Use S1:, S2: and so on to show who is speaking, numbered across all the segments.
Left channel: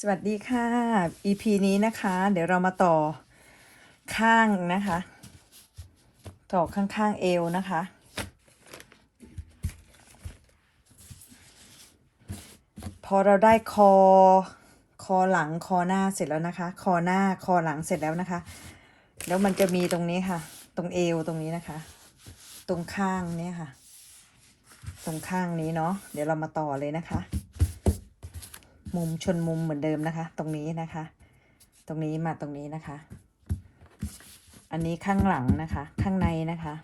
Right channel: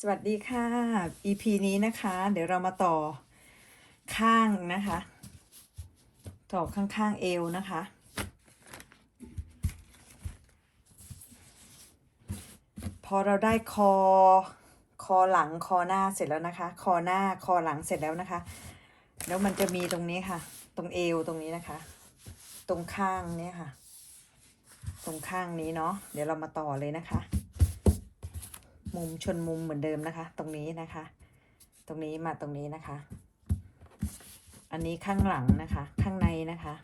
S1: สวัสดีค่ะ EP นี้นะคะ เดี๋ยวเรามาต่อข้างนะคะ ต่อข้างๆเอวนะคะ พอเราได้คอ คอหลังคอหน้าเสร็จแล้วนะคะ คอหน้าคอหลังเสร็จแล้วนะคะ แล้วมันจะมีตรงนี้ค่ะ ตรงเอวตรงนี้นะคะ ตรงข้างเนี้ค่ะ ตรงข้างนี้เนาะเดี๋ยวเรามาต่อเลยนะคะ มุมชนมุมเหมือนเดิมนะคะ ตรงนี้นะคะ ตรงนี้มาตรงนี้นะคะ อันนี้ข้างหลังนะคะ ข้างในนะคะ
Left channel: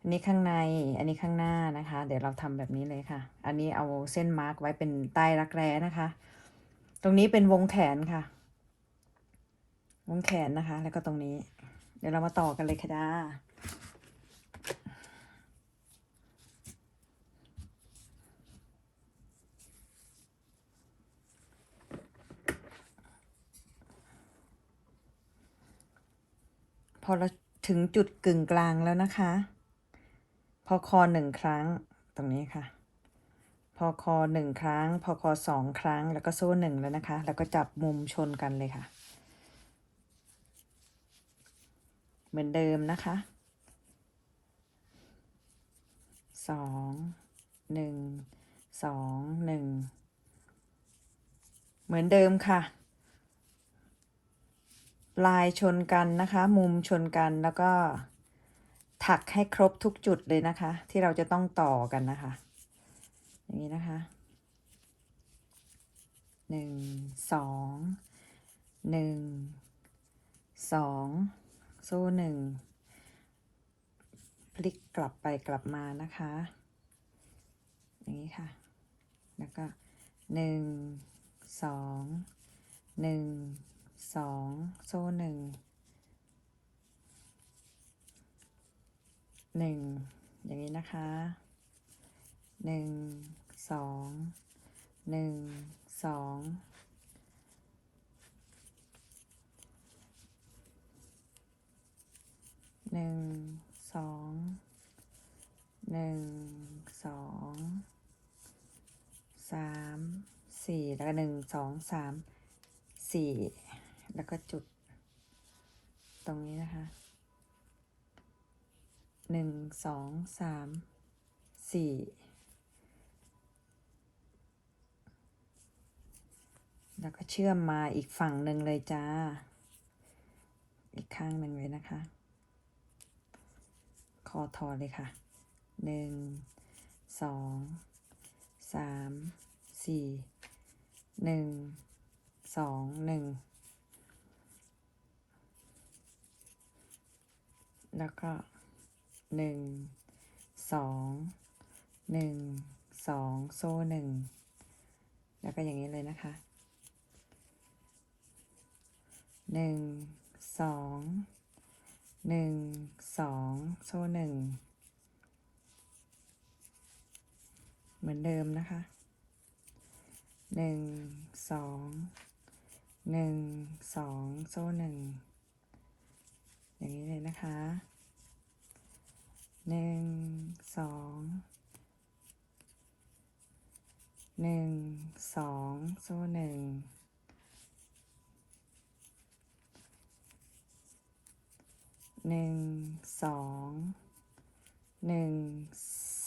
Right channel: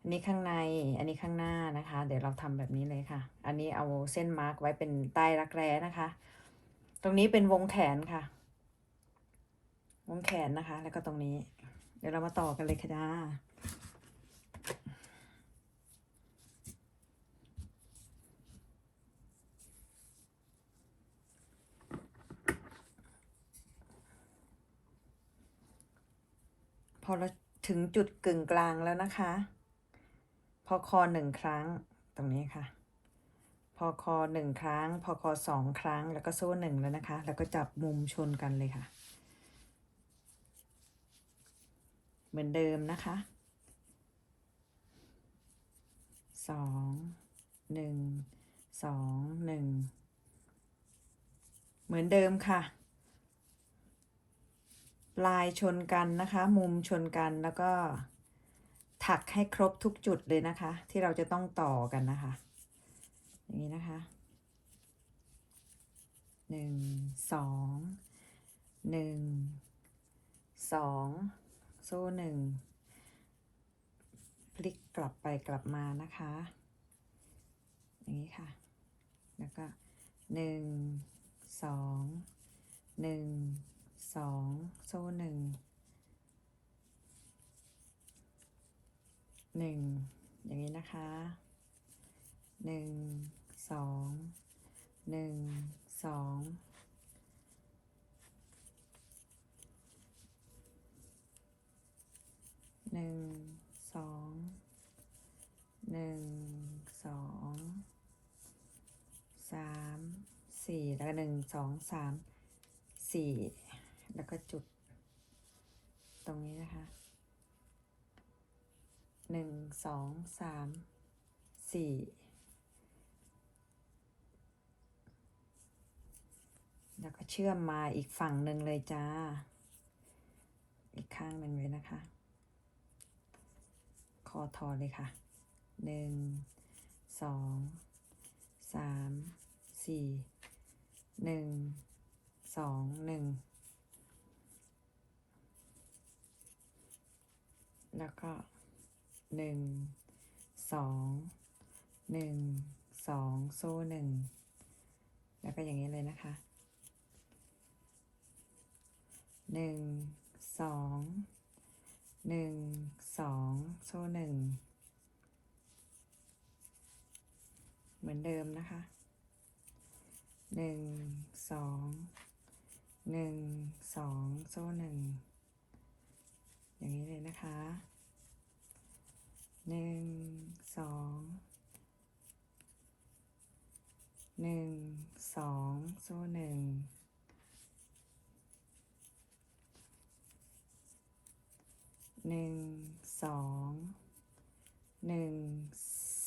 S1: อันนี้ข้างในอันนี้ข้างหน้านะคะ เดี๋ยวเราทำแบบนี้เลยค่ะ อันนี้เอาเส้นมาร์กไว้เป็นใต้รักแร้นะคะ ตรงนี้เป็นวงแขนค่ะ วงแขนนะคะ แล้วก็ตรงนี้ เดี๋ยวเรามาต่อกันเลยค่ะด้า อเราถึงจุดกึ่งกลางแล้วนะคะ พอคอหนึ่งครั้งตรงนี้ค่ะ พอคอหนึ่งครั้ง พอคอสองครั้ง แล้วก็โซ่หนึ่งแล้วนะคะ แล้วก็จับมุมชนกันเลยค่ะ เหมือนเดิมนะคะสองหนึ่งสองหนึ่งเหมือนเดิมค่ะ ปลายชนกันนะคะ มุมชนกันแล้วก็ถักให้ครบทุกจุดเลยนะคะ ที่เราจะต้องต่อกันนะคะ อย่างนี้นะคะหนึ่งสองหนึ่งสองโซ่หนึ่งพลิกกลับไปกลับมานะคะ อย่างนี้ค่ะ แล้วก็หนึ่งสองหนึ่ง สองโซ่หนึ่งหนึ่งอย่างนี้นะคะหนึ่งสองหนึ่งสองหนึ่งสองหนึ่งสองสามสี่แล้วก็หนึ่งสองสามสี่ แล้วก็จุด ตรงนี้นะคะหนึ่งสองสามสี่แล้วก็เชื่อมมาอีกฝั่งหนึ่งเลยจ้า อีกข้างหนึ่งเลยนะคะ คอทอเลยค่ะหนึ่งสองสามสี่หนึ่งสองหนึ่ง แล้วก็หนึ่งสองหนึ่งสองโซ่หนึ่งแล้วก็อย่างนี้เลยนะคะหนึ่งสองหนึ่งสองโซ่หนึ่งเหมือนเดิมนะคะหนึ่งสองหนึ่งสองโซ่หนึ่ง อย่างนี้เลยนะคะหนึ่งสองหนึ่งสองโซ่หนึ่งหนึ่งสองหนึ่ง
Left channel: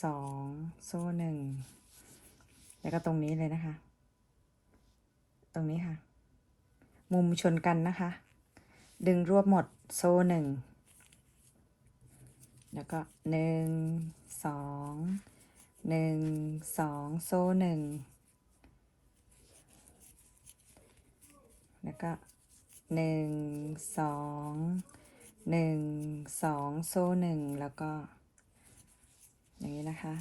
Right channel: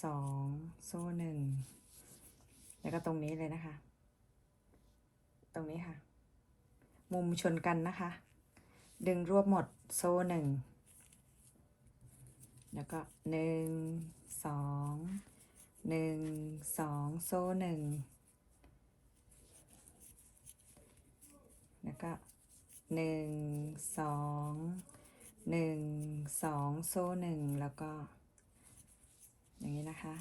S1: สองโซ่หนึ่งแล้วก็ตรงนี้เลยนะคะ ตรงนี้ค่ะ มุมชนกันนะคะ ดึงรวบหมด โซ่หนึ่งแล้วก็หนึ่งสองหนึ่งสองโซ่หนึ่งแล้วก็หนึ่งสองหนึ่งสองโซ่หนึ่งแล้วก็ อย่างนี้นะคะ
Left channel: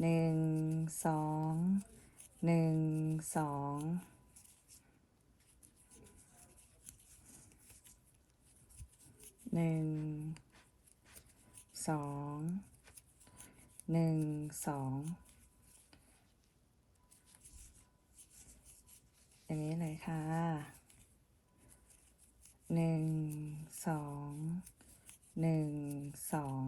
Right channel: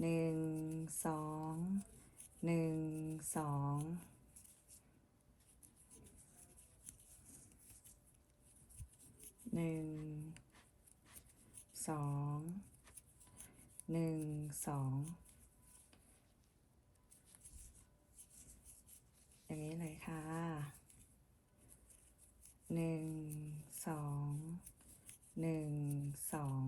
S1: หนึ่งสองหนึ่งสอง หนึ่งสองหนึ่งสองอย่างนี้เลยค่ะหนึ่งสองหนึ่งสอง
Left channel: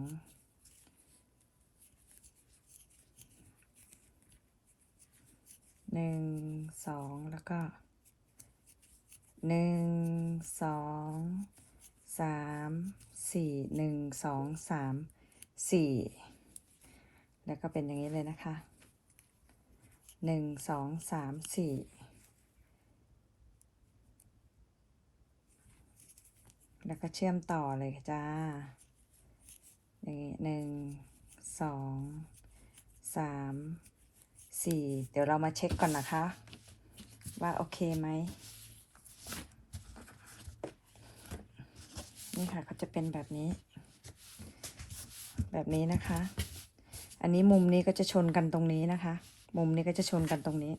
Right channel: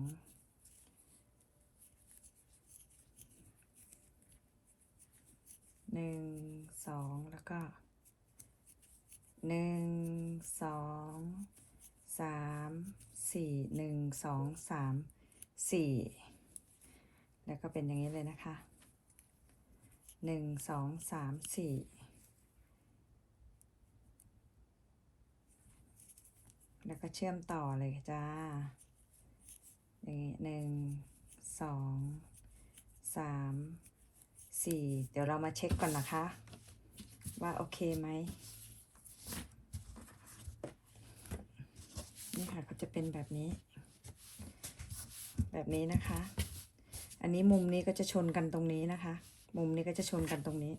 S1: หนึ่งสองแล้วก็หนึ่งสอง สามสี่หนึ่งสองสามสี่แล้วก็เป็นอย่างนี้เลยนะคะหนึ่งสองสามสี่แล้วก็เชื่อมต่อเลยจ้า อย่างนี้หนึ่งสองสามสี่เดี๋ยวเรามาเช็คก่อนนะคะ ว่าโอเคไหม ค่ะเขาจะเป็นแบบนี้ แบบนี้นะคะ อันนี้มุมนี้ก็จะชนกันตรงนี้นะคะ มุมนี้ก็จะชนกันตรงนี้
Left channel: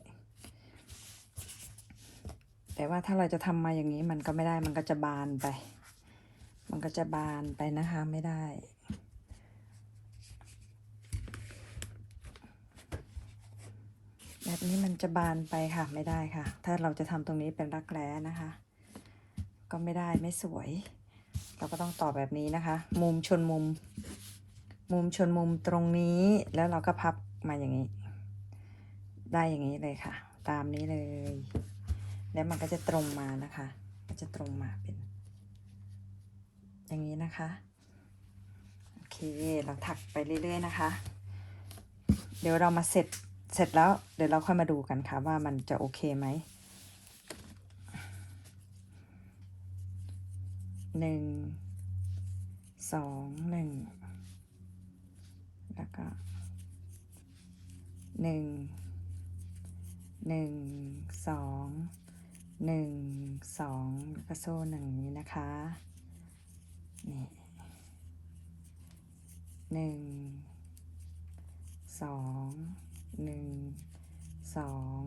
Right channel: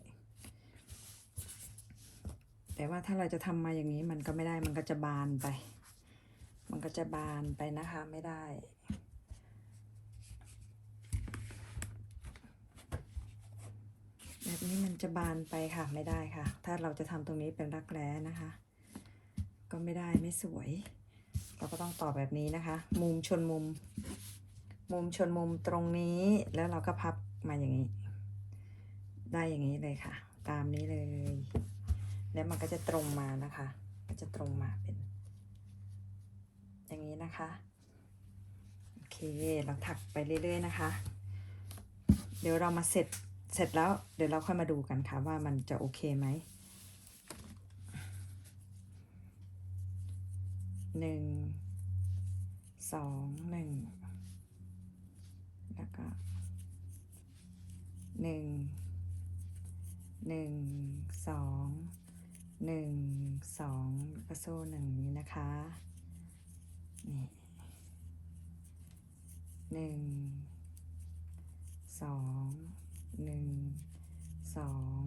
S1: แต่ว่าถ้าเราจะทำมาอย่างนี้มันก็ไม่ได้มันก็จะบานไป มันก็จะบานไปนะคะไม่ได้แบบนี้มันจะบานไปค่ะไม่ได้ค่ะ ถ้าเราจะทำตรงนี้เป็นรักแร้นะคะ ก็ไม่ได้ไม่สวย เราก็ต้องต่อแบบนี้นะคะ มุมชนมุม มุมชนมุมตรงนี้แล้วเราก็พับมาอย่างนี้ ได้อย่างนี้เลยค่ะ ตามนี้เลย แล้วมันก็จะตรงมานะคะจะตรงมาเป็น อย่างนี้นะคะโอเคเราถักไปเรื่อย ๆ นะคะ เดี๋ยวเรามาเสร็จเสร็จแล้วเดี๋ยวเราค่อยมาดูกันค่ะว่ามันจะโอเคไหม หนึ่งสองหนึ่งแล้วก็หนึ่งหนึ่งสองหนึ่งสองแล้วก็โซ่หนึ่งนี้นะคะนี่หนึ่งสองหนึ่งสอง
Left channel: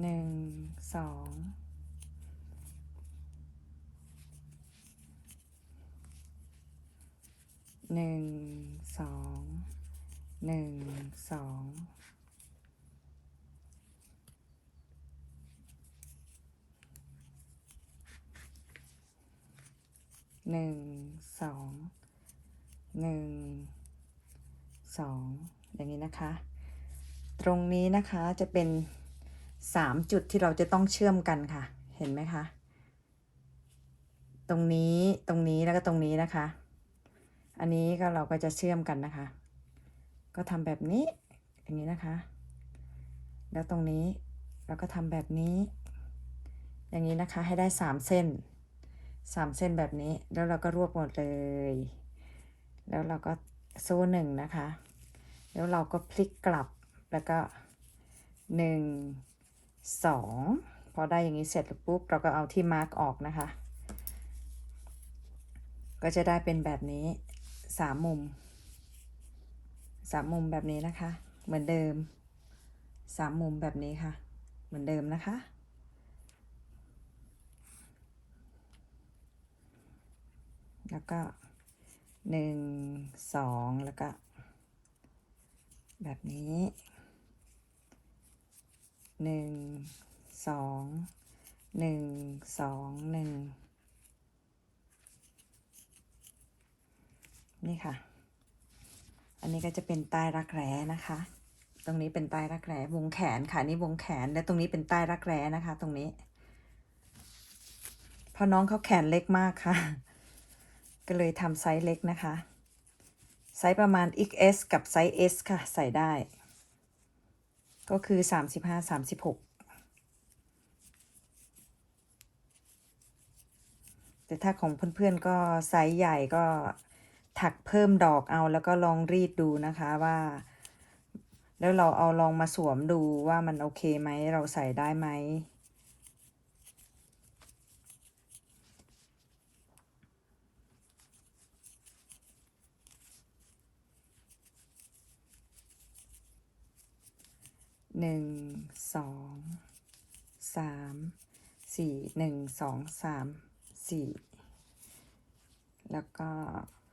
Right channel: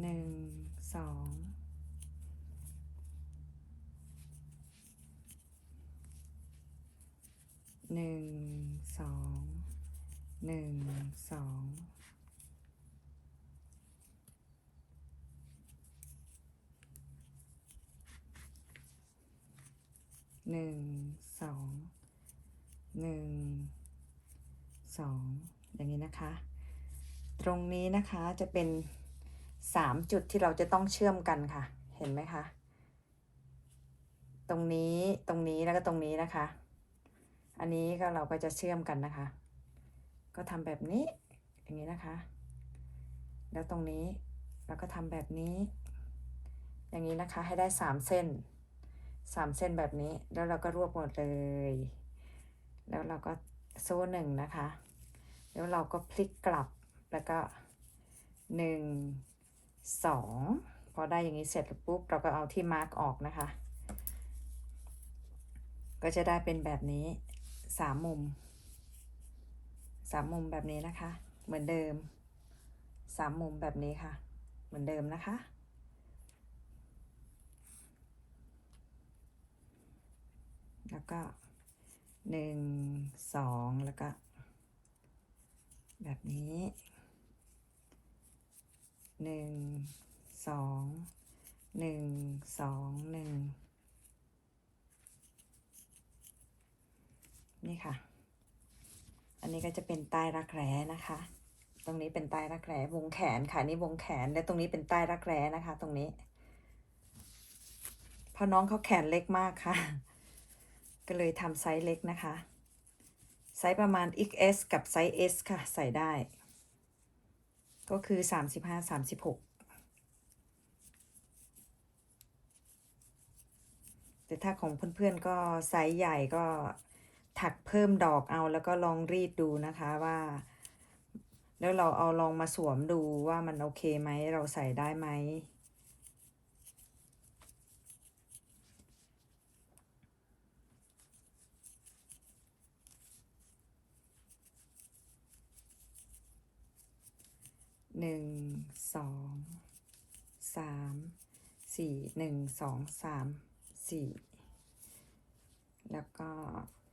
S1: หนึ่งสองหนึ่งสองหนึ่งสองหนึ่งสองหนึ่งสองอย่างนี้นะคะ ตรงนี้นะคะจะเป็น สามจุดที่เราจะต้องเชื่อมกันค่ะ เห็นไหมคะ ตรงนี้ตรงนี้แล้วก็ตรงนี้นะคะ อันนี้ก็เราก็จะเชื่อมกันนะคะ ก็ทำแบบนี้อย่างนี้นะคะ แล้วตรงนี้เราก็ทำแบบนี้ อย่างนี้นะคะให้ได้สามเส้นสามเส้นแบบนี้แล้วเราก็รวบหมดเลย แล้วเราก็โซ่หนึ่งนะคะ แล้วเราก็พลิกกลับแล้วก็หนึ่ง สองพอได้อย่างนี้เสร็จปุ๊บเราก็เอาที่มาร์กออกนะคะ ก็จะได้เป็นแบบนี้สามมุมสามมุมแบบนี้นะคะ เหมือนเดิมสามมุมแบบนี้ค่ะ เหมือนเดิมนะคะแล้วก็หนึ่งสองแล้วก็ แบบนี้ หนึ่งสองหนึ่งสองหนึ่งนี่ค่ะ อันนี้ก็จะเป็นใต้รักแร้นะคะ ตรงนี้เป็นใต้รักแร้วงแขนค่ะนี่วงแขนและตรงนี้เป็นใต้รักแร้นะคะ ตรงนี้เพราะน้องเขาแขนเล็กมากค่ะ ก็เลยทำไซส์เล็กนะคะ ไซส์ประมาณ XS กับไซส์ S ค่ะ ใส่ได้ ก็คือ35 36แต่ถ้าของเพื่อนๆก็ไซส์ใหญ่ก็ถักเพิ่มดอกเอาแล้วก็ลองรีดดูนะคะว่า แล้วเราเอาลองมาสวมดูว่ามันโอเคไหมเราใส่ได้ไหม หนึ่งสองสามสี่หนึ่งสองสามสี่แล้วก็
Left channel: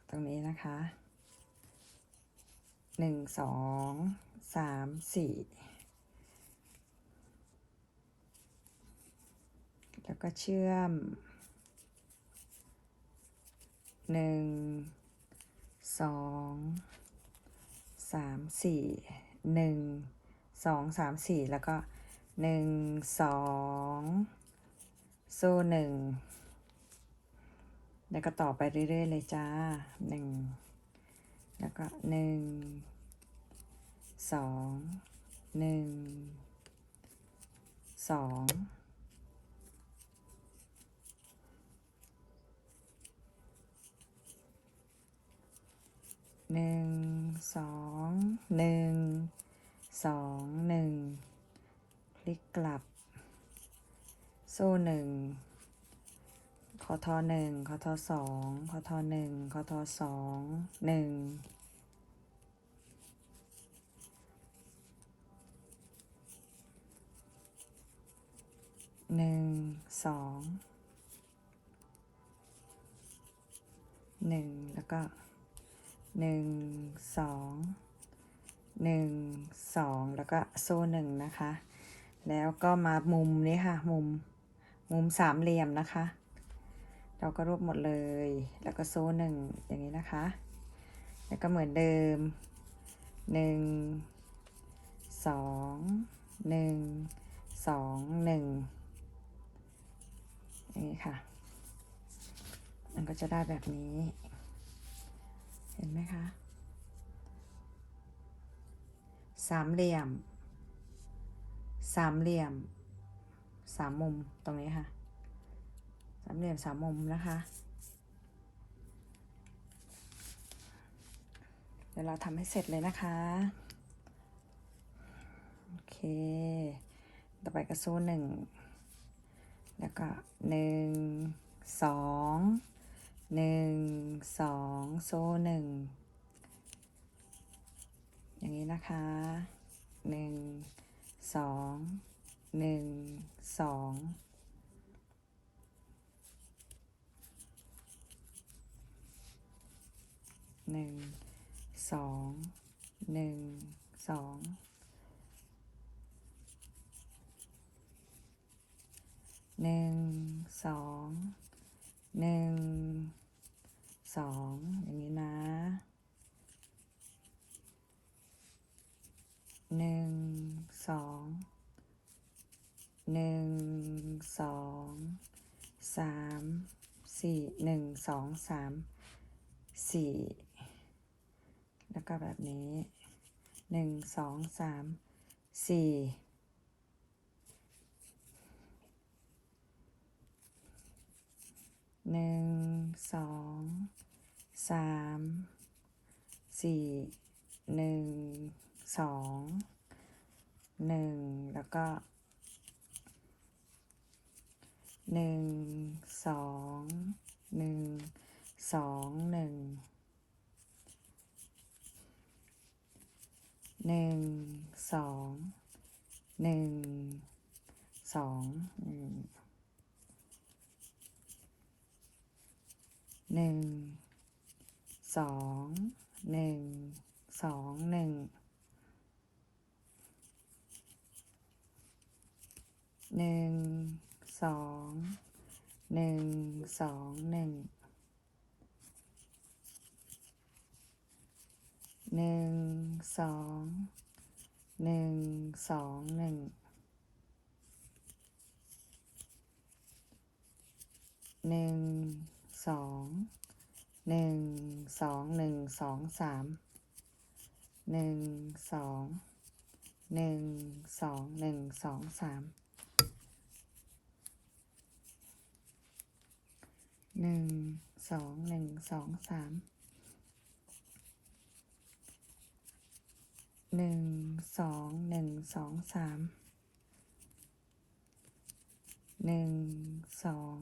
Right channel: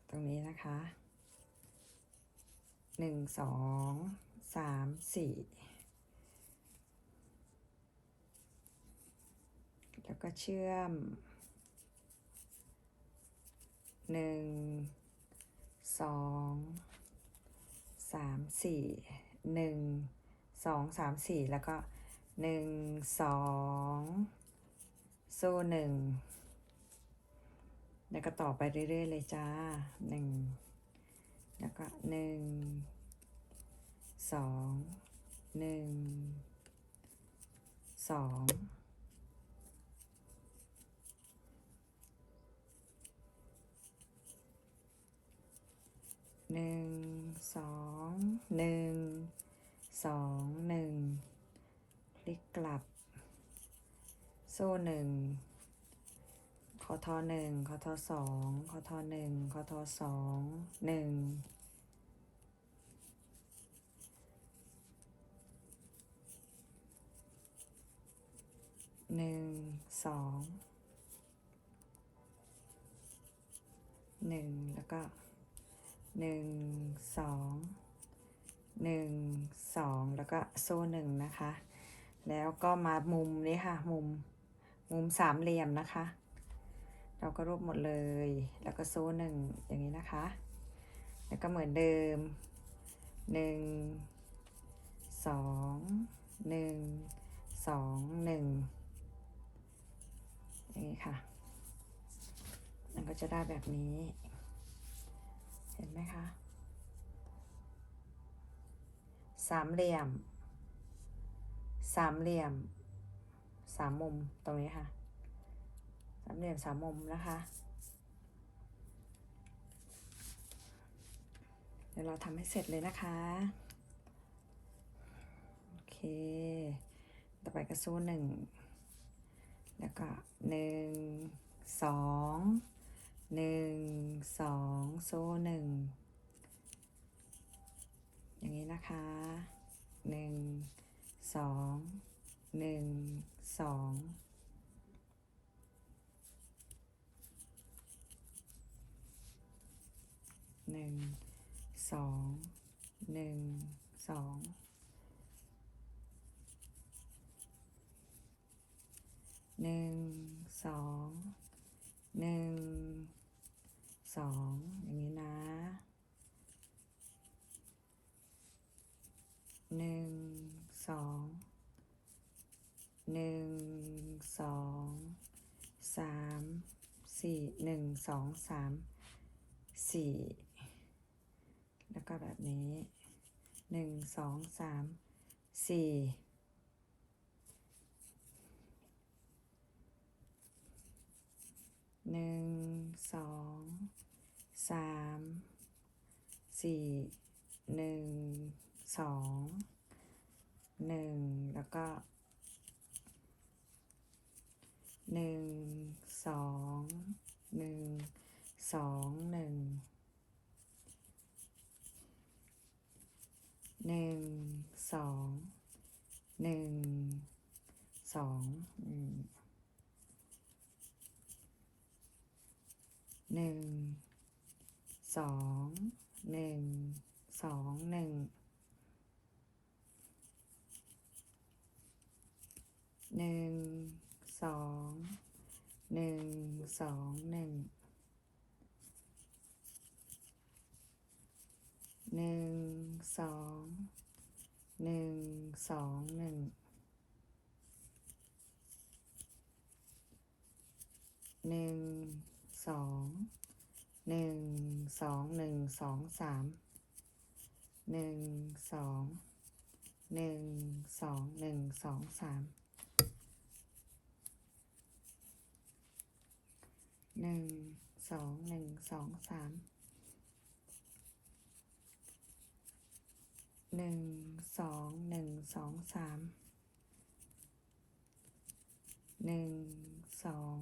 S1: ตรงนี้นะคะหนึ่งสองสามสี่แล้วก็เชื่อมหนึ่งสองสามสี่หนึ่ง สองสามสี่แล้วก็หนึ่งสองโซ่หนึ่งแล้วก็ต่อไปเรื่อย ๆ เลยจ้าหนึ่งแล้วก็หนึ่งสองหนึ่งสองหนึ่งสองหนึ่ง สองหนึ่งพลิกกลับ โซ่หนึ่งคอทอหนึ่งคอทอสองคอทอหนึ่งคอทอสองหนึ่งหนึ่งสองหนึ่งแล้วก็หนึ่งสอง หนึ่งสองแล้วก็โซ่หนึ่งนะคะ แล้วก็มามุมนี้ค่ะ มุม มุมสามเหลี่ยมนะคะ เราก็รวบหมดเลย แล้วก็โซ่หนึ่งอย่างนี้นะคะ แล้วก็เหมือนเดิมหนึ่งสองหนึ่งสองหนึ่งอย่างนี้ค่ะ มันก็จะได้แบบนี้ เห็นไหมคะ สามเหลี่ยม สามเหลี่ยม สามมุมตรงนี้ค่ะ สามเหลี่ยมสามมุมนะคะ เดี๋ยวเราทำให้เสร็จเลยนะคะ โอเค ต่อไปก็โซ่หนึ่ง แล้วก็หนึ่ง สอง หนึ่ง สอง โซ่หนึ่ง อย่างนี้นะคะ หนึ่ง สอง หนึ่ง สอง หนึ่ง สอง หนึ่ง สอง หนึ่ง สอง หนึ่ง สอง อย่างนี้นะ หนึ่งสองหนึ่งสองสามสี่หนึ่งสองสามสี่แล้วก็แบบนี้หนึ่งสองสามสี่หนึ่งสองสามสี่หนึ่ง สองหนึ่งแล้วก็หนึ่งสองหนึ่งสองหนึ่งหนึ่งสองหนึ่งสองหนึ่งหนึ่งสองหนึ่งสองหนึ่ง หนึ่งสองหนึ่งสองหนึ่งหนึ่งสองหนึ่งสองหนึ่งหนึ่งสองหนึ่งสองหนึ่งสองสามหนึ่งสองหนึ่งสองหนึ่งสองสาม หนึ่งสองหนึ่งสองสามหนึ่งสองหนึ่งสองสามหนึ่งสอง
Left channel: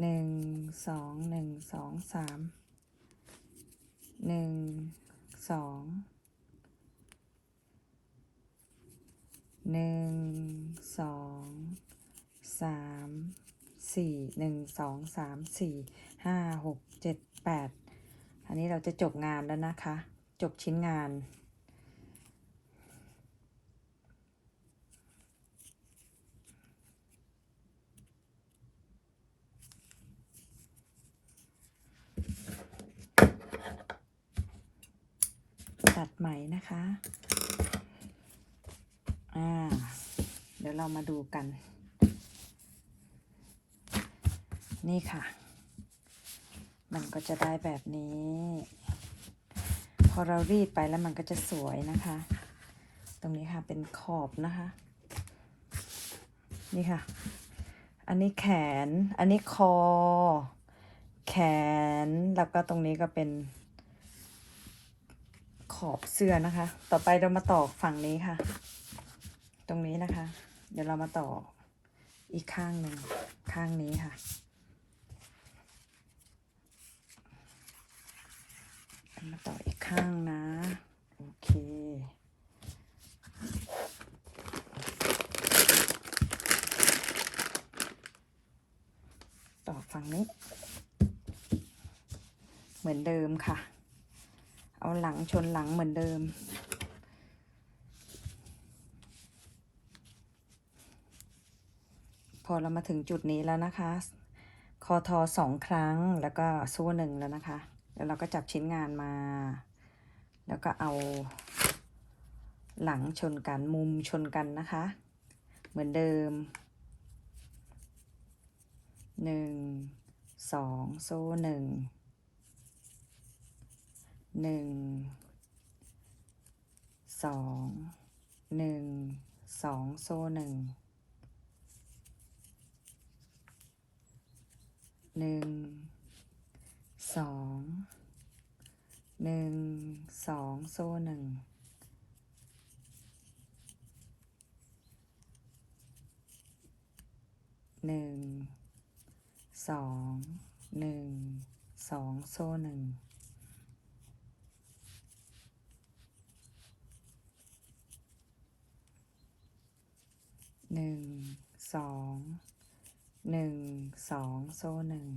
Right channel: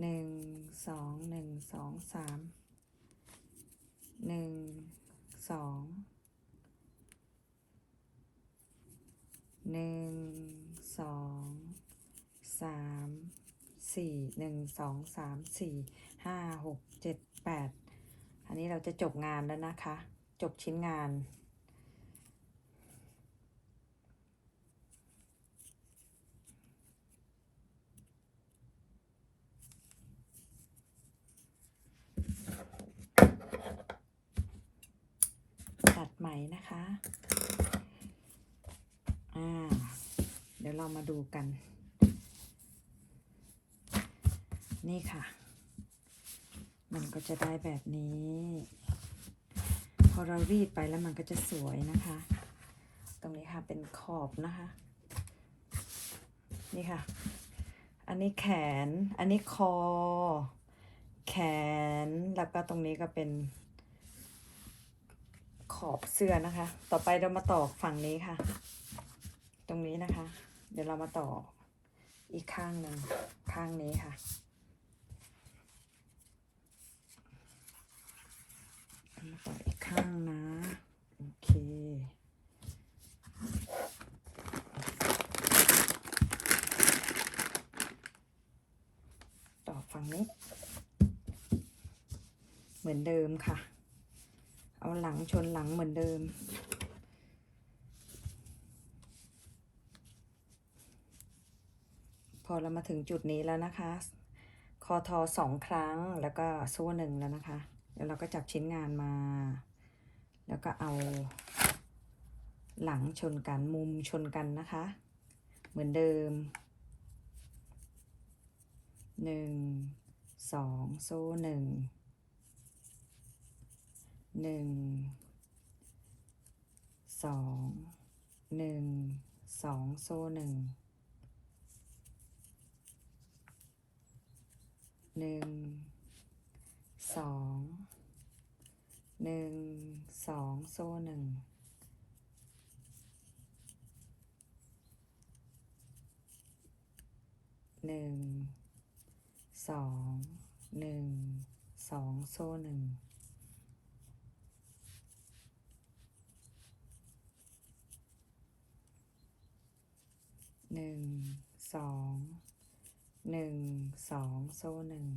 S1: หนึ่งสองหนึ่งสองสามหนึ่งสองหนึ่งสองสาม สี่หนึ่งสองสามสี่ห้าหกเจ็ดแปดอันนี้เราจะจบงานแล้วนะคะ จบชิ้นงานตัดไหมนะคะ อ่า เดี๋ยวเรามาดูกัน นี่ค่ะ มันก็จะได้แบบนี้ พอเรารีดไปแล้วมันก็จะสวยนะคะ ตรงนี้ค่ะเป็นขอบนะคะ นี่ค่ะ อันนี้แขน อันนี้คอ แขน แล้วก็ตรงนี้ก็เป็น ขอบเสื้อนะคะ ต่อไปเรามาต่อฝั่งนี้ค่ะ ตรงนี้นะคะ เดี๋ยวเรามาต่ออีกข้างหนึ่งข้างนี้ค่ะ มาต่ออีก ข้างนะ โอเคต่อฝั่งนี้ เหมือนเดิมค่ะ เอาหลังชนหลังเหมือนเดิมพอเรามาถึงจุดนี้แล้วนะคะ คอทอสองครั้งแล้วก็โซ่หนึ่งแล้วนะคะ แล้วเราก็จับชิ้นงานมา แล้วก็เอาหลังชนกันมุมชนกันนะคะ เหมือนเดิม 1 2 โซ่1 1 2 1 2 โซ่1 1 2 1 โซ่หนึ่งหนึ่งสองหนึ่งสองโซ่หนึ่งหนึ่งสองหนึ่งสองโซ่หนึ่ง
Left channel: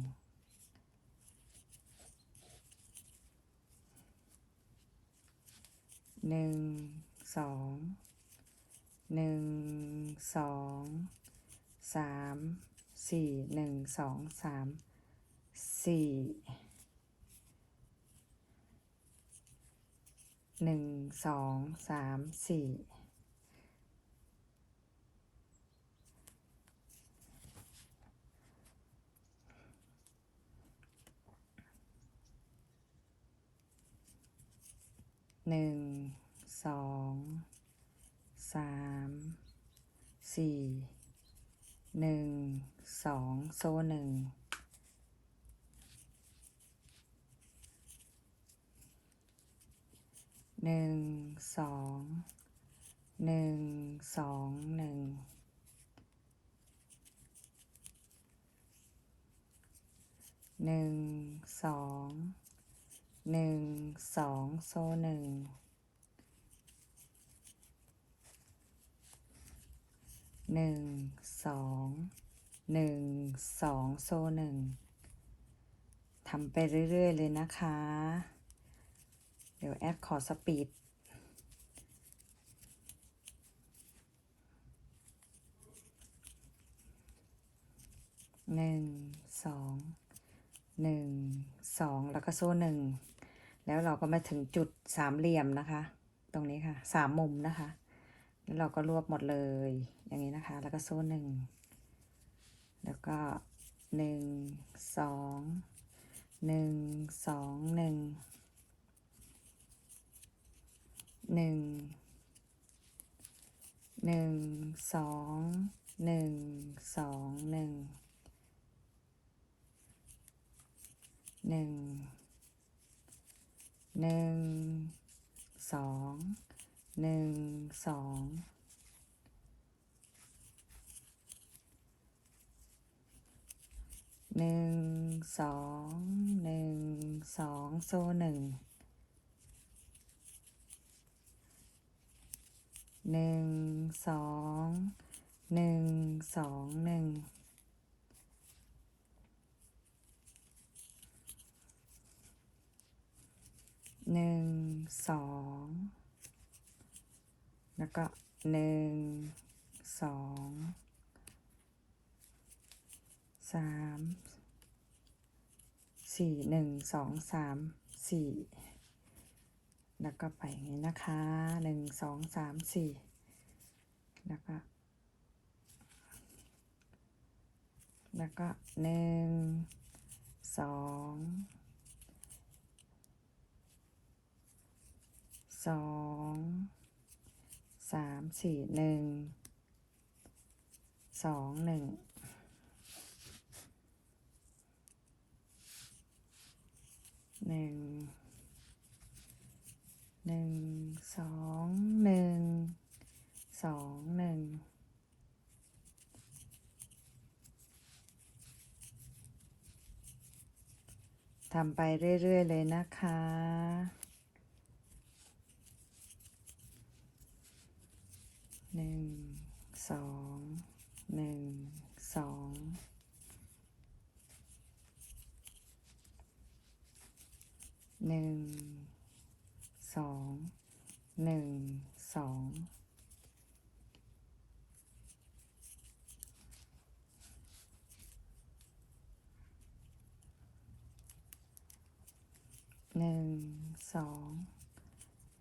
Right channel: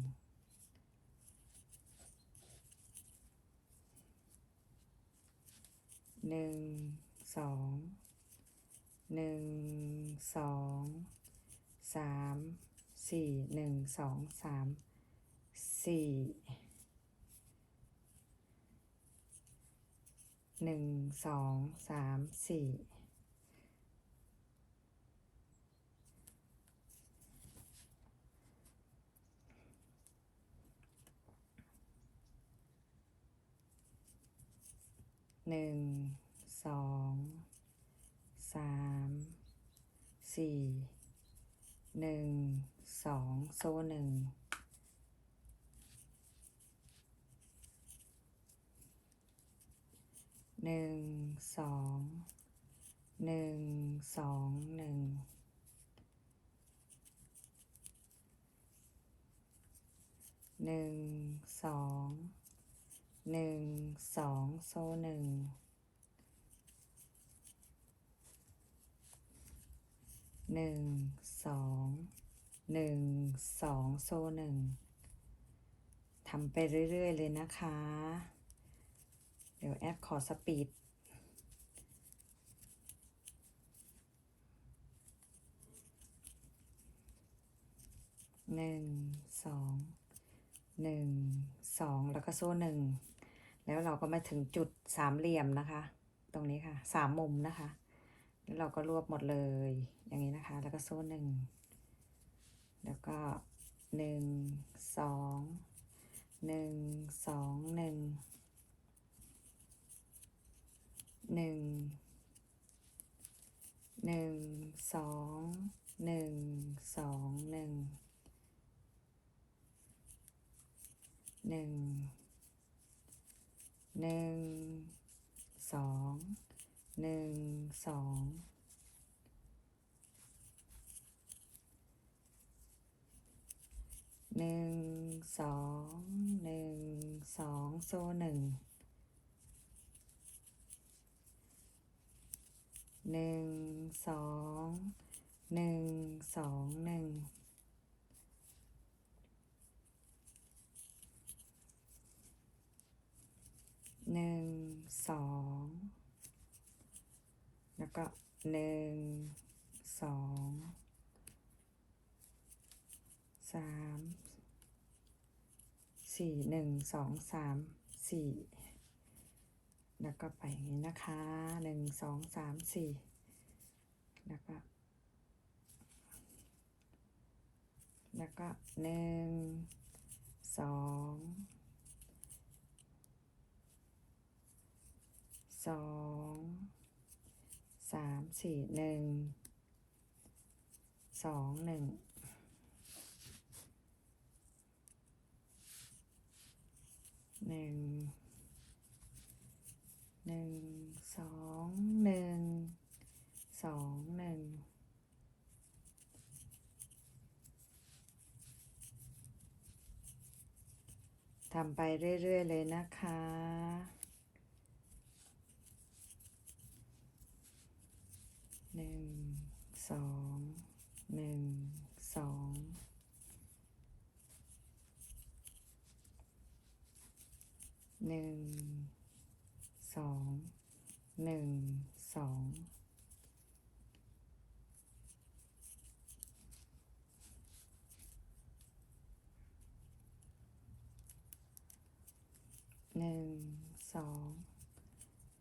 S1: หนึ่งสองหนึ่งสองสามสี่หนึ่งสองสามสี่หนึ่งสองสามสี่หนึ่ง สามสี่หนึ่งสองโซ่หนึ่งหนึ่งสองหนึ่งสองหนึ่งหนึ่งสองหนึ่งสองโซ่หนึ่ง หนึ่งสองหนึ่งสองโซ่หนึ่งทำไปเรื่อย ๆ เลยนะคะ เดี๋ยวแอปขอสปีดหนึ่งสองหนึ่งสองแล้วก็โซ่หนึ่งแล้วเราก็มาถึงจุดสามเหลี่ยมนะคะ ตรงนี้ค่ะสามมุมนะคะ แล้วเราก็รวบหมดเลย อย่างนี้นะคะ แล้วก็โซ่หนึ่ง แล้วก็หนึ่งสองหนึ่งสองหนึ่งหนึ่งหนึ่งสองหนึ่งสองหนึ่งหนึ่งหนึ่งสอง หนึ่งสองหนึ่งสองหนึ่งสองโซ่หนึ่งหนึ่งสองหนึ่งสองหนึ่งหนึ่งสองแล้วก็ หนึ่งสองสามสี่หนึ่งสองสามสี่แล้วก็ไปอย่างนี้นะคะหนึ่งสองสามสี่แล้วก็แล้วก็หนึ่งสองสอง สามสี่หนึ่งสองหนึ่งหนึ่งหนึ่งสองหนึ่งสองหนึ่งทำไปเรื่อย ๆ เลยนะคะ หนึ่ง สอง หนึ่ง สอง หนึ่ง สอง หนึ่ง สอง หนึ่งสอง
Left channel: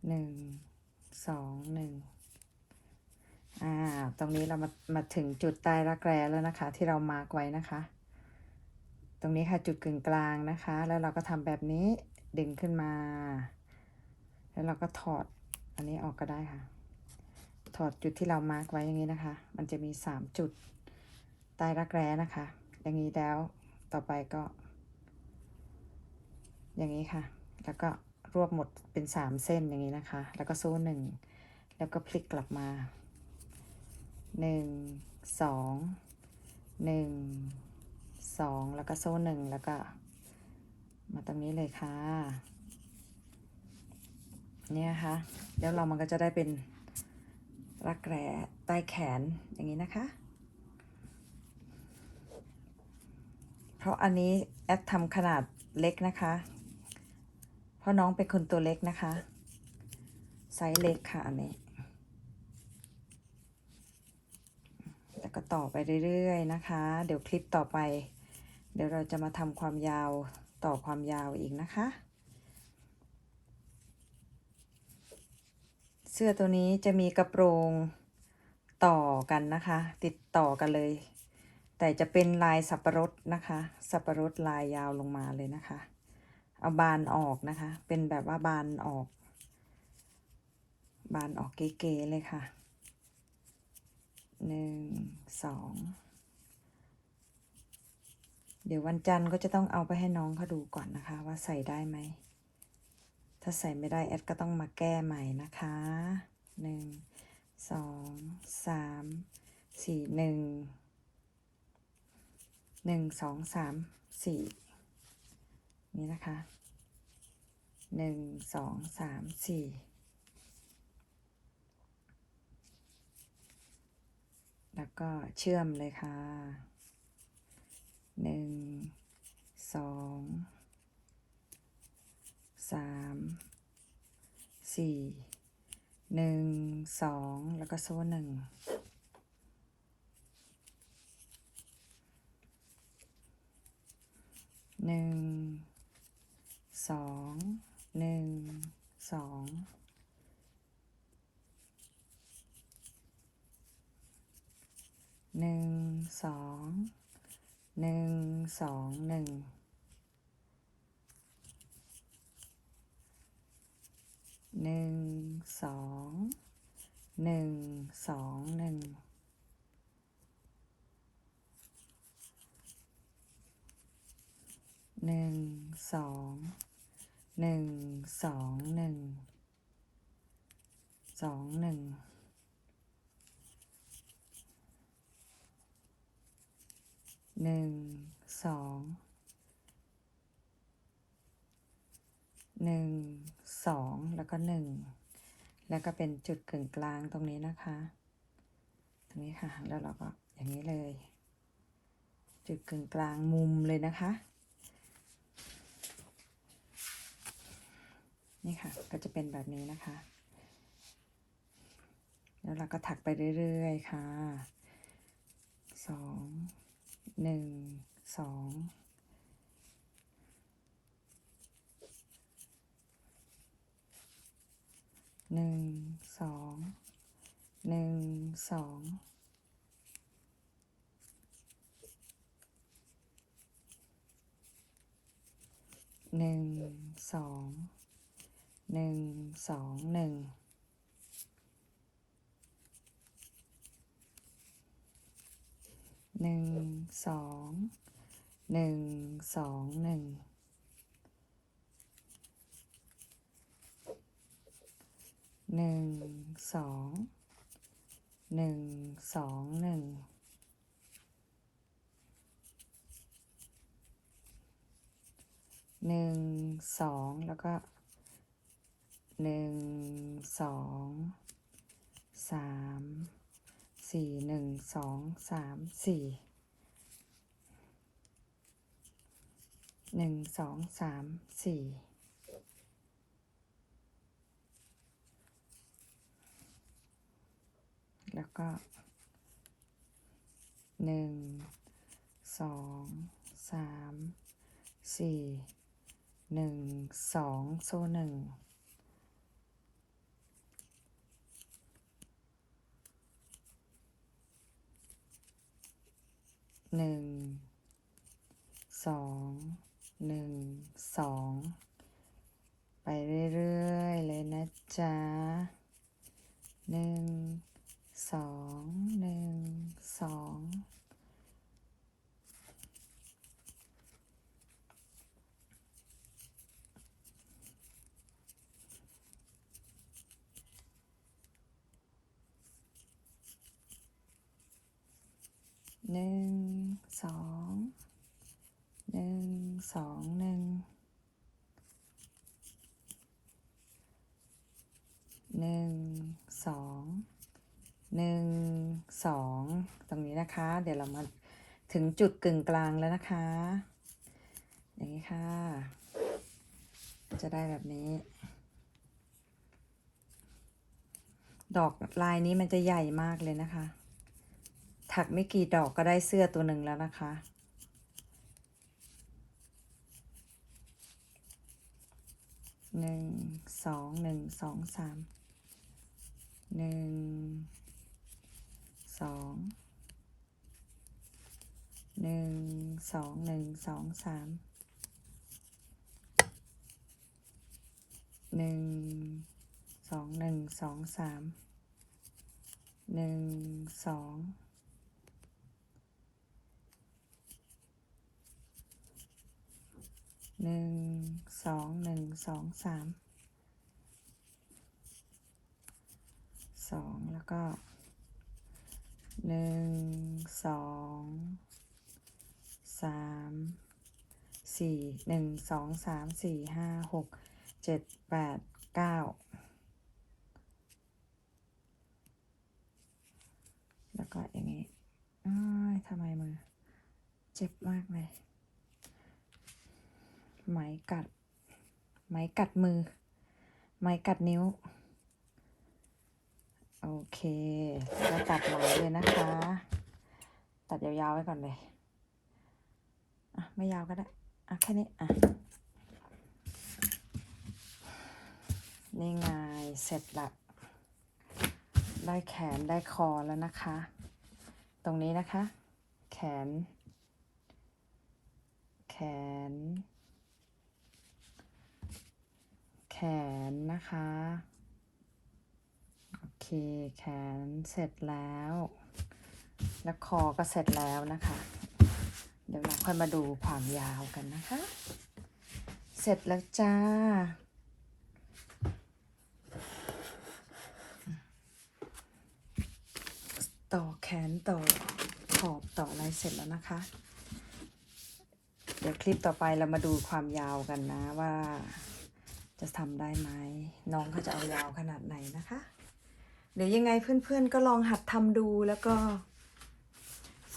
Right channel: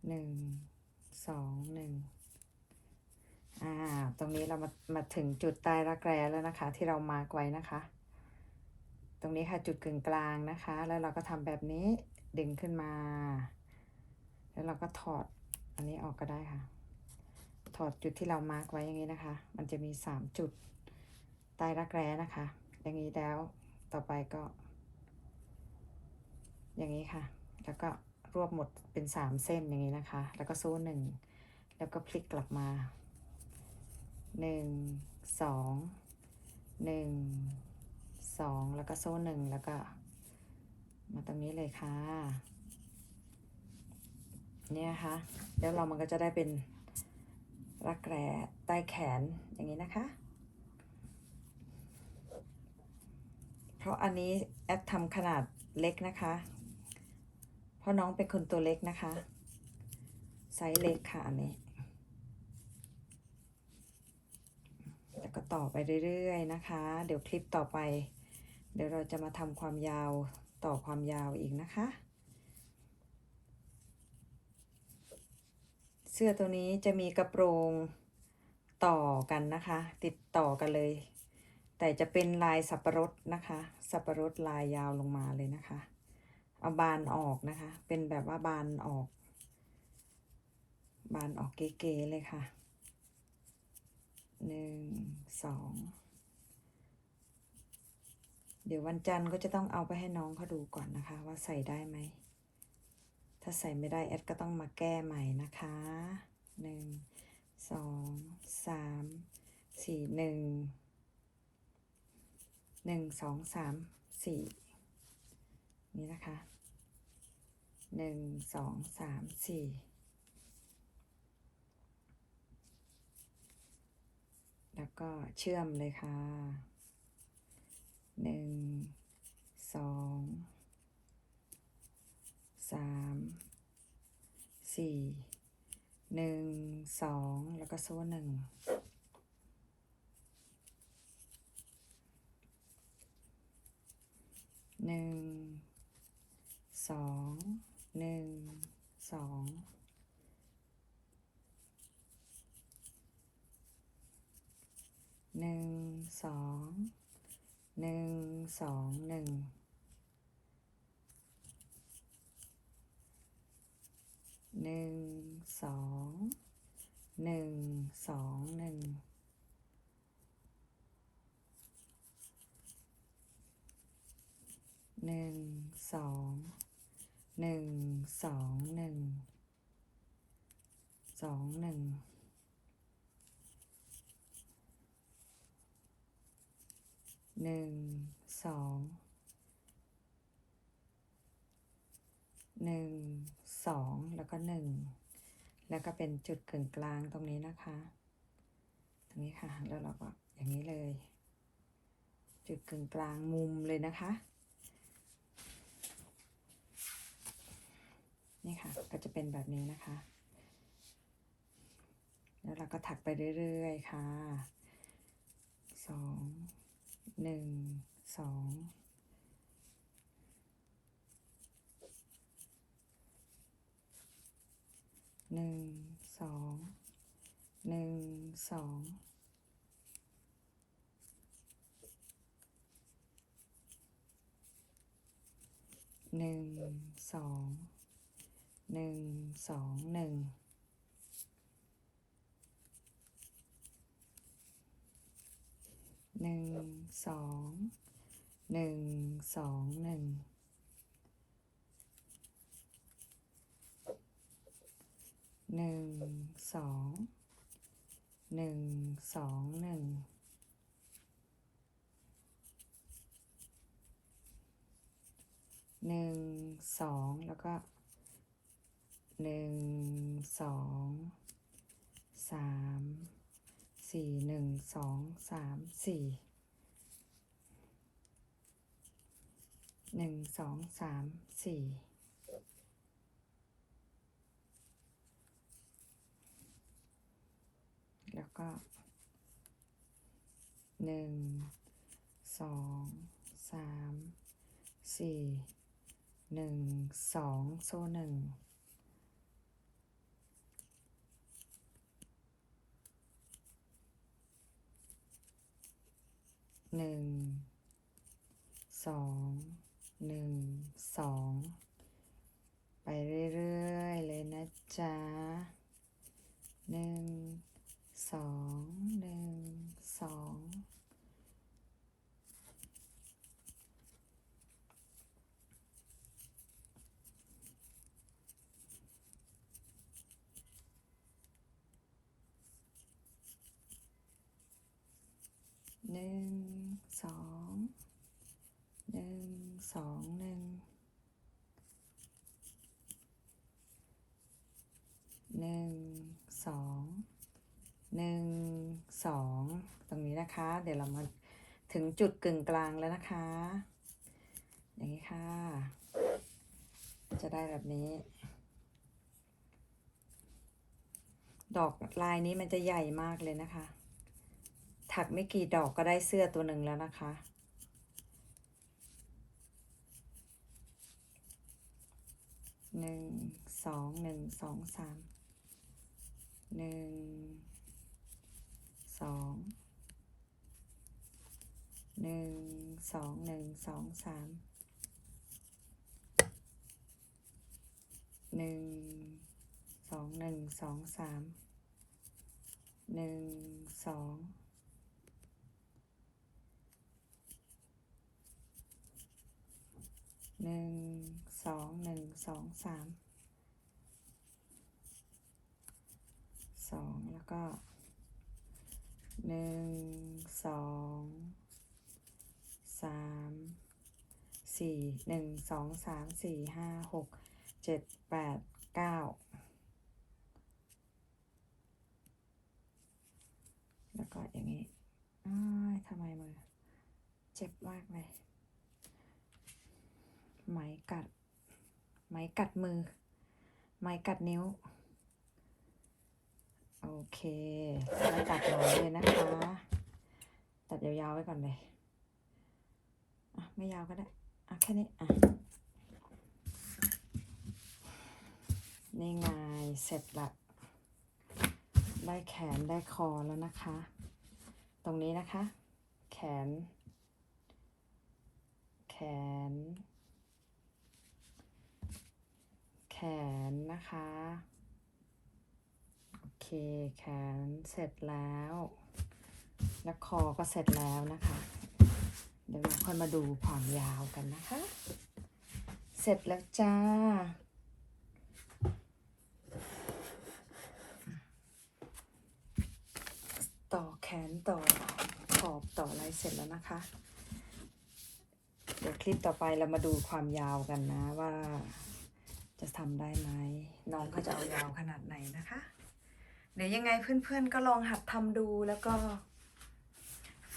S1: หนึ่งสองหนึ่งอ่า ตรงนี้เรามามา ถึงจุดใต้รักแร้แล้วนะคะ ที่เรามาร์กไว้นะคะ ตรงนี้ค่ะจุดกึ่งกลางนะคะ แล้วเราก็ทำแบบนี้ดึงขึ้นมา แล้วเราก็ถอดอันนี้ออกก็ได้ค่ะ ถอดจุดที่เรามาร์กไว้อย่างนี้นะคะ มันจะมีสามจุดใต้รักแร้นะคะ อย่างนี้แล้วต่อไปก็ อย่างนี้ค่ะ แล้วก็รวบหมดเป็นสามเส้นอย่างนี้นะคะ แล้วก็โซ่หนึ่งแล้วก็พลิกกลับมา หนึ่งสองหนึ่งสองแล้วก็โซ่หนึ่งแล้วก็ มาตรงนี้เลยค่ะ เนี่ยค่ะเดี๋ยวเรามันก็จะได้เป็นรักแร้ใต้แขนอย่างนี้นะคะ เพราะอันนี้แอดทำขนาดเล็กนะคะ เพราะน้องเป็นคนตัวเล็กนะคะ ไซส์เล็กค่ะอันนี้ แล้วก็ ต่อไปเรื่อยๆนะคะ เดี๋ยวคลิปต่อไป เดี๋ยวเราจะมาทำความยาวต่อความยาวอีกนะคะ เสื้อตัวนี้จะมีกระโปรงต่อกันนะคะ ติดต่อกันเลย แต่จะเป็นลายสับปะรดนะคะ สับปะรดลายยาวลงมาเลยนะคะ เอาบานออกนะคะ เป็นแบบว่าบานออก บานออกเก๋ๆเลยค่ะ หนึ่งสองเดี๋ยววันจันทร์ก็จะต้องเอาไปให้น้องเขาดูก่อนนะคะ ว่าใส่ได้ไหม ถ้าใส่ไม่ได้แอดก็ต้องมาแก้ใหม่นะคะหนึ่งสองสามสี่หนึ่งหนึ่งสองสามสี่นี่นะคะหนึ่งสองสามสี่ แล้วก็เชื่อมเลยค่ะหนึ่งสองสามสี่หนึ่งสองแล้วก็โซ่หนึ่งหนึ่งสองหนึ่งสอง หนึ่งสองหนึ่งสองหนึ่งหนึ่งสองหนึ่งสองหนึ่งหนึ่งสองหนึ่งสองหนึ่งสองหนึ่ง หนึ่งสองหนึ่งสองแล้วก็หนึ่งแล้วก็เป็นจุดกึ่งกลางตรงนี้นะคะ ตรงนี้ค่ะ แล้วเราก็อย่างนี้เลย จุดกึ่งกลางมุมเลยนะคะ นี่ค่ะ ก็จะเป็นแบบนี้นะคะ แล้วเราก็ถักไปเรื่อยๆค่ะสอง หนึ่งสองหนึ่งสองหนึ่งสองหนึ่งสองหนึ่งสองหนึ่ง หนึ่งสองหนึ่งสองหนึ่งหนึ่งสองหนึ่งสองหนึ่งหนึ่งสองแล้วก็หนึ่งสองสาม สี่หนึ่งสองสามสี่หนึ่งสองสามสี่แล้วก็หนึ่งสองสามสี่หนึ่งสองโซ่หนึ่ง หนึ่งสองหนึ่งสองไปเรื่อยๆเลยนะจ๊ะหนึ่งสองหนึ่งสองหนึ่ง สองหนึ่งสองหนึ่งหนึ่งสองหนึ่งสองตรงนี้นะคะ เดี๋ยวเรามาถึงจุดกึ่งกลางแล้วนะคะ อย่างนี้ค่ะ จะได้แบบนี้ ดอกลายนี้มันจะใหญ่มากเลยนะคะ ถักไม่กี่ดอกก็ได้เสื้อตัวหนึ่งแล้วนะคะ หนึ่งสองหนึ่งสองสามหนึ่งสองหนึ่งสองหนึ่งสองสามหนึ่งสองหนึ่งสองสามหนึ่งสอง หนึ่งสองหนึ่งสองสามสองแล้วก็หนึ่งสองสามสี่หนึ่งสองสามสี่ห้าหกเจ็ดแปดเก้าแล้วก็อย่างนี้อ้ายทำไมมือ เจ็บมากเลย ไหมกัด ไหมกัดมือ ไหมกัดนิ้ว โอเคแล้วตัดไหมเลยนะคะ ตัดยาวๆไว้ก่อนเลย อะ ไม่ยาวก็ได้ อะ แค่นี้ อะ นี่ไง เสร็จละ ได้แขนได้คอแล้วนะคะ ตรงนี้นะคะ แขน แขน แข นนะคะ โอเค แขนเสร็จแล้ว แล้วคอก็เสร็จแล้วนะคะ เดี๋ยวเราค่อยมาดูความยาวกันนะคะ เสร็จแล้วจ้าต่อแขนต่อขอบต่ออะไรเสร็จแล้วนะคะ เดี๋ยวคลิปต่อไปเรามาดูความยาวกันนะว่า จะทำได้ไหมน้องเขาจะเอายาวขนาดไหนนะคะ เดี๋ยวยังไงเพื่อนๆก็ลองหัดทำดูแล้วก็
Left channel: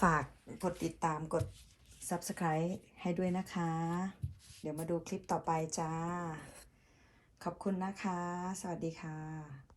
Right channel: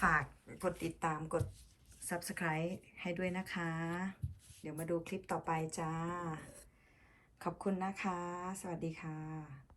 S1: ฝากกดติดตามกด subscribe ให้ด้วยนะคะ เดี๋ยวมาดูคลิปต่อไปจ้า ขอบคุณนะคะ สวัสดีค่ะ